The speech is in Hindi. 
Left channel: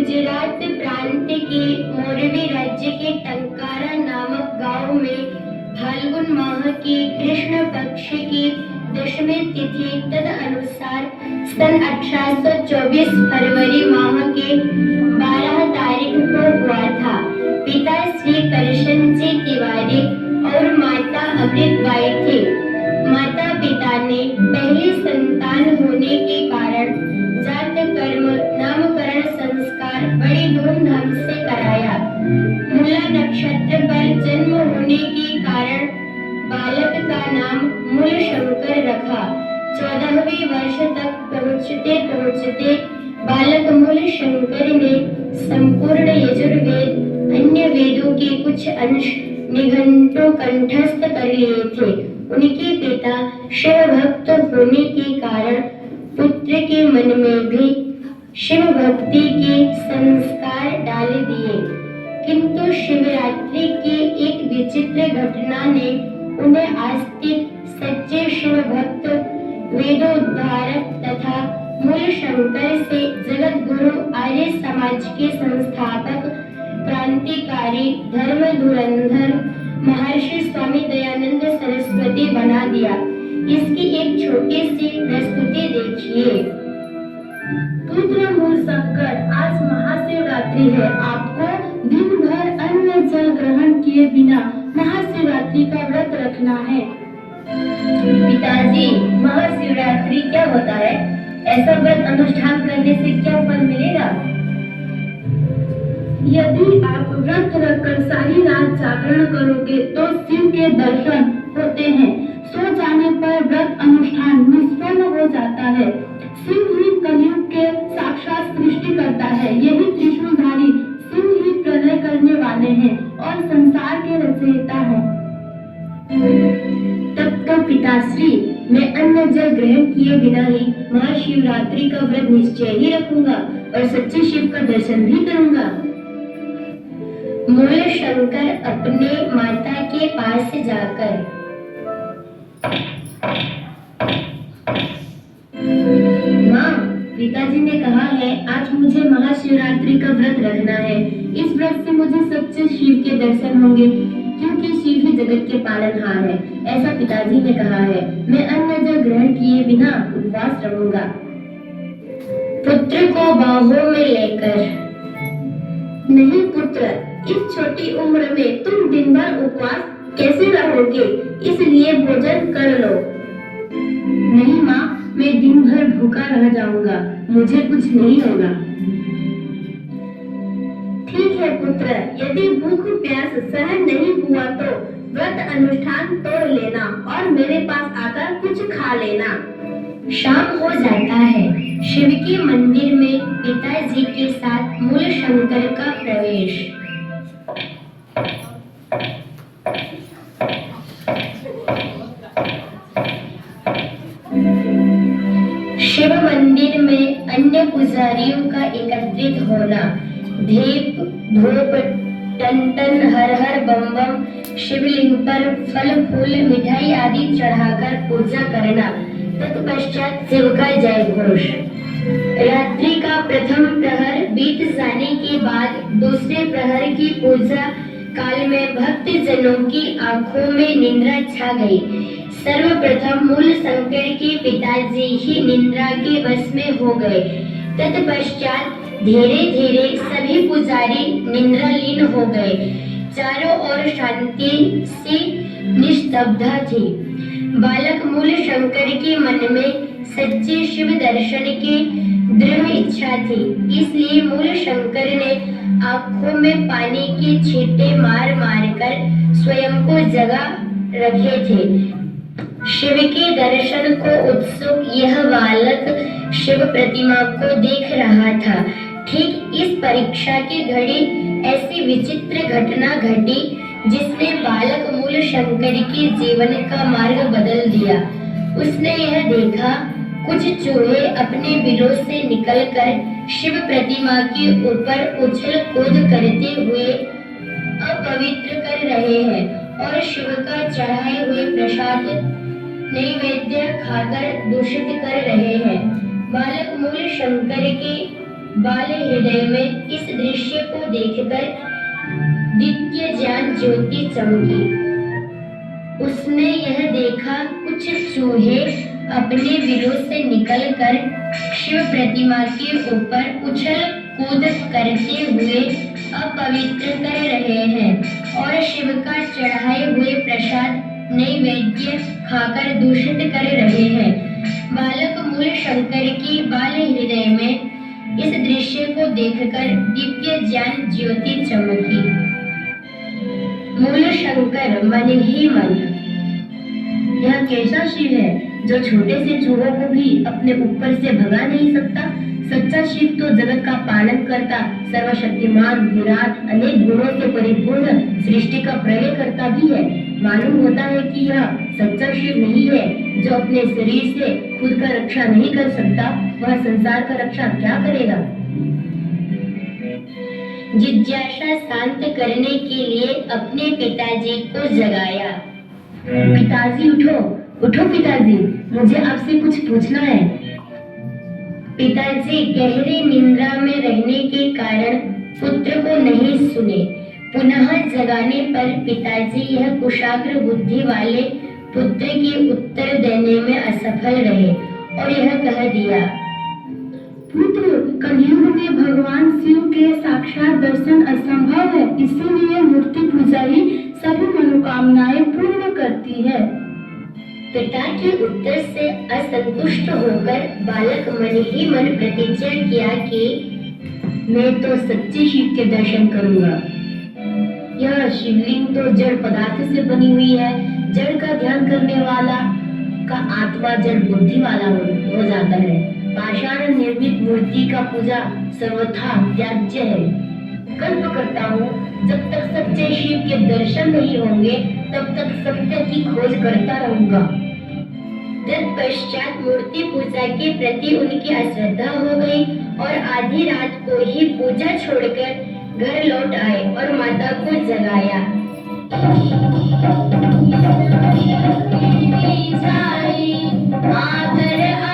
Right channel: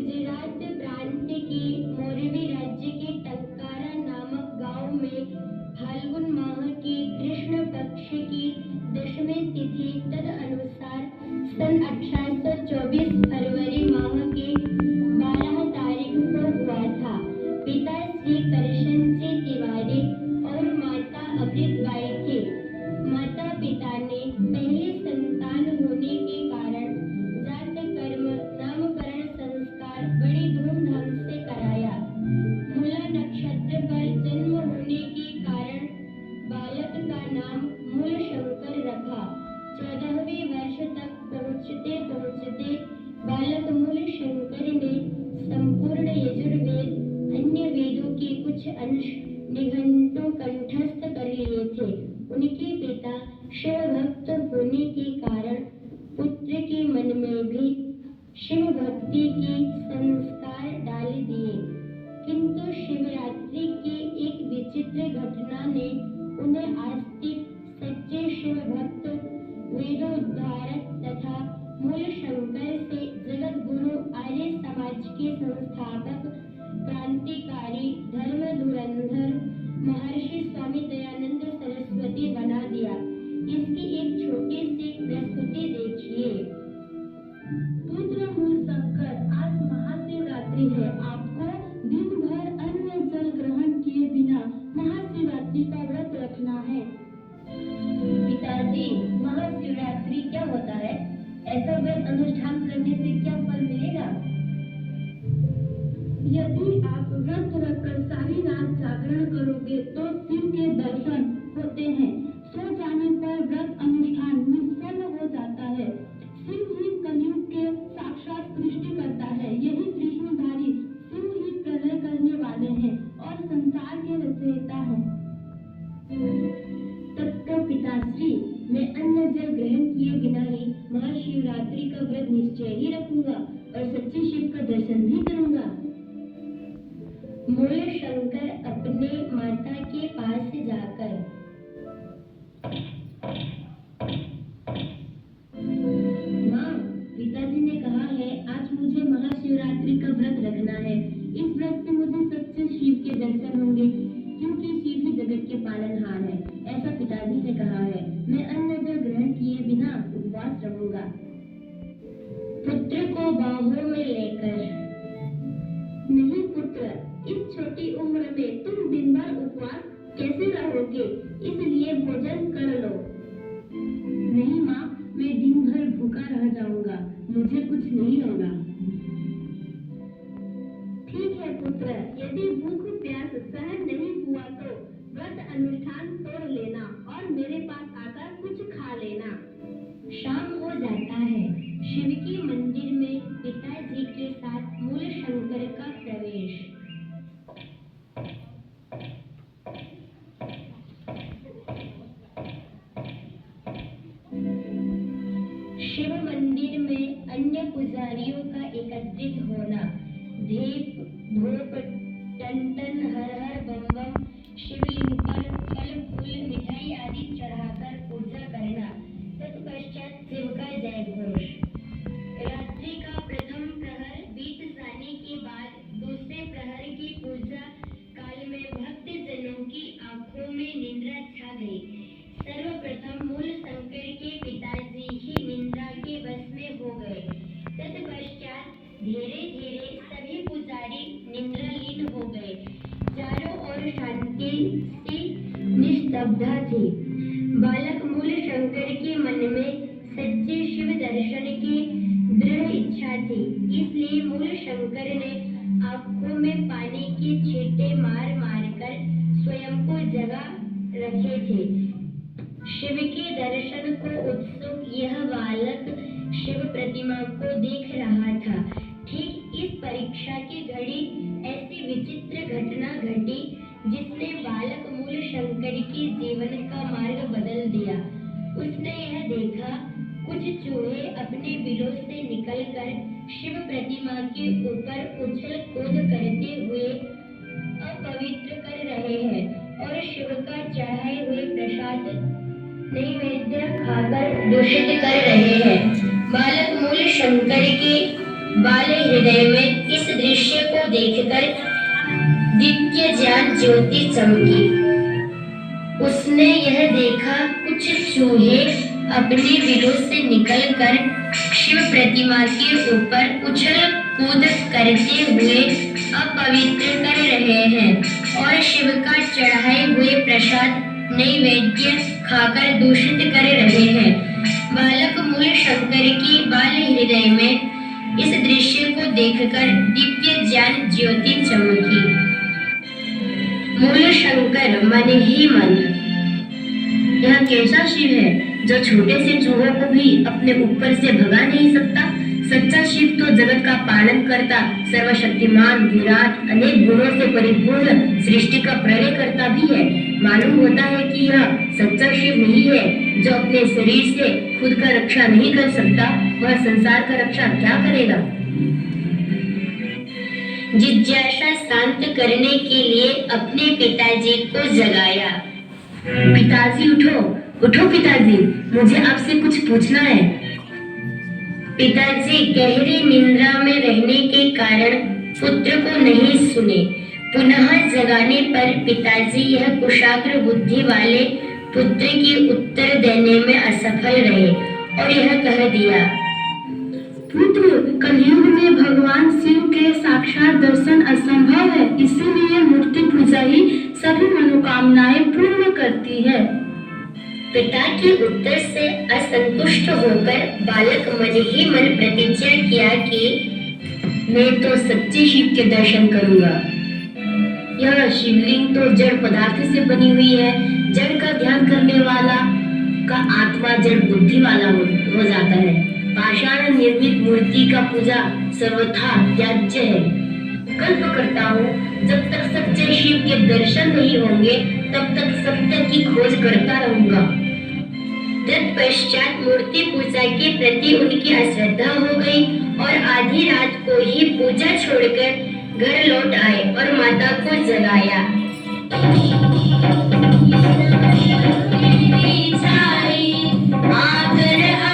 गुजरात प्रांत के मोरबी राज्य के टंकारा नामक गांव में फाल्गुन माह की कृष्ण पक्ष की दशमी तिथि तदनुसार सन 1824 फरवरी माह के 12 तारीख को हुआ था। पिता श्री करशन जी तिवारी और माता अमृतबाई थे। माता पिता ने पहली संतान होने के कारण जात कर्म नामकरण संस्कार बड़ी धूमधाम से कराया। मूला नक्षत्र पर जन्म होने के कारण बालक का नाम मूल शंकर रखा। 14वें वर्ष तक पहुँचते पहुँचते बालक मूल शंकर ने संपूर्ण यजुर्वेद अन्य वेदों के कुछ अंश निघंटु कंठस्थ कर लिए थे। उनके पिता शिव भक्त होने के कारण पुत्र के मन में भी शिव भक्ति के संस्कार डाल दिए, किंतु शिवरात्रि की एक विचित्र घटना ने उन्हें आस्तिक सच्चे शिव भक्त वेदोद्धारक तथा मूल शंकर से जगत गुरु आर्य समाज के संस्थापक क्रांतिकारी धर्म धुरंधर महर्षि स्वामी दयानंद सरस्वती बना दिया। इसकी एक छोटी सी प्रस्तुति देखिए। पुत्र मूल शंकर, आज महाशिवरात्रि है। आपको दिन भर अन्न जल ग्रहण किए बिना महाशिवरात्रि का व्रत रखना है। पिताजी, महाशिवरात्रि क्या होता है? ऐसा व्रत अनुष्ठान करने से क्या फल मिलेगा? यदि आप व्रत रखकर सारी रात जागरण करोगे तो शिव के दर्शन होते हैं। सो जाने पर व्रत अनुष्ठान निष्फल हो जाता है। शिव ही कलयुग के साक्षात सृष्टि करता है। यही त्रिशूलधारी शिव ही प्रलय करने वाले हैं और संसार के रचयिता हैं। तब तो पिताश्री, मैं अन्न जल ग्रहण किए बिना ही महाशिवरात्रि का व्रत निश्चय ही रखूंगा और सच्चे शिव का दर्शन भी करूंगा। मूल शंकर अपने माता के पास जाकर, माँ, पिताजी ने कहा है आज मुझे महाशिवरात्रि का व्रत रखना है। इस व्रत से मुझे सच्चे शिव के दर्शन होंगे, क्योंकि शिव ही जगत के पालनहार है। ऐसा पिताजी ने कहा है। मैं अन्न जल ग्रहण किए बिना उपवास रहूंगा। पुत्र को बाहों में लेकर, नहीं पुत्र, इस छोटी उम्र में तुम दिन भर उपवास कैसे रहोगे? इसलिए भोजन कर लो। नहीं माँ, मैं दिन भर भूखा रह जाऊंगा। मुझे कुछ नहीं होगा। ठीक है पुत्र, यदि भूख प्यास सहन नहीं हुआ तो व्रत अनुष्ठान तोड़ लेना और मेरे पास आकर कुछ खा लेना। शाम हो जाता है। शिव के मंदिर में पिताजी के साथ मूल शंकर का प्रवेश। शिव मंदिर में अन्य पुजारियों का एकत्रित होना, दीप धूप टन हर हर बम बम शिवलिंग पर फल फूल मिठाई आदि चढ़ाकर पूजा करना। तत्पश्चात शिव का जय घोष। रात्रि का प्रथम प्रहर बीत जाने के बाद दूसरे प्रहर की पूजा काल में भक्त जनों की आंखों में निंद्रा छा गई। सर्वप्रथम मूल शंकर के पिताजी ही निंद्रा के वश में हो गए। तत्पश्चात धीरे धीरे सभी पुजारी निंद्रालीन हो गए। चारों ओर शांति सी निस्तब्धता थी। बालक मूल शंकर के मन में सच्चे शिव दर्शन की दृढ़ इच्छा थी, इसलिए मूल शंकर ने आंखों में पानी के छींटे मार मार कर स्वयं को जगा रखे थे। शिव के दर्शन को उत्सुक यह बालक शिव प्रतिमा को देख रहा था। ठीक इस परीक्षा की घड़ी ऐसी विचित्र घटना घटी जिसने बालक मूल शंकर के जीवन का मार्ग बदल दिया। उसने यह देखा, कुछ चूहे अपने बिलों से निकलकर शिव प्रतिमा के ऊपर उछल कूद करते हुए अपवित्र कर रहे हैं और शिव का चढ़ाए हुए प्रसाद नैवेद्य खाकर दूषित कर रहे हैं। बालक मूल शंकर के बाल हृदय में इस दृश्य को देखकर दिव्य ज्ञान ज्योति चमकी। उसने यह देखा, कुछ चूहे अपने विरोध से निकलकर शिव प्रतिमा के ऊपर उछल कूद करते हुए अपवित्र कर रहे हैं और शिव का चढ़ाए हुए प्रसाद नैवेद्य खाकर दूषित कर रहे हैं। बालक मूल शंकर की बाल हृदय में इस दृश्य को देखकर दिव्य ज्ञान ज्योति चमकी। मूल शंकर मन ही मन, यह कैसा शिव है जो छोटे से चूहों को भी अपने ऊपर से भगा नहीं सकता। सच्चा शिव तो जगत का पालन करता, सर्वशक्तिमान, विराट, अनेक गुणों से परिपूर्ण, सृष्टि का प्रलय करता भी है। मालूम होता है कि यह सच्चा शिव नहीं है जो अपने शरीर से खुद का रक्षा नहीं कर सकता, वह संसार का रक्षा क्या करेगा। जिज्ञासा शांत करने के लिए अपने पिताजी को जगाया। पिताजी उठो, उठो पिताजी, मुझे आपसे कुछ पूछना है। पिताजी गहरी निंद्रा में रहने के कारण पुत्र को नहीं सुने। पुनः जगाने पर पिताजी यह कुशाग्र बुद्धि वाले पुत्र की उत्तर देने में असफल रहे और यह कह दिया, पुत्र, कलयुग में भगवान शिव के साक्षात दर्शन असंभव है, इसीलिए मूर्ति पूजा ही सभी मनोकामनाएं पूर्ण करती है। पिता के उत्तर से असंतुष्ट होकर बालक मन ही मन प्रतिज्ञा किया कि मैं तो सच्चे शिव के दर्शन करूंगा। यह शिवलिंग तो जड़ पदार्थ से बनी हुई है, जड़ का ध्यान करने वाला का आत्मा जड़ बुद्धि वाला हो जाता है। पाषाण निर्मित मूर्ति का पूजा सर्वथा त्याज्य है। कल्प करता हूँ, जब तक सच्चे शिव के दर्शन नहीं होंगे तब तक सत्य की खोज करता रहूंगा। तत्पश्चात मूर्ति पूजा के प्रति उनकी अश्रद्धा हो गई और आधी रात को ही पूजा छोड़कर घर लौट आए और माता को जगाया। आगर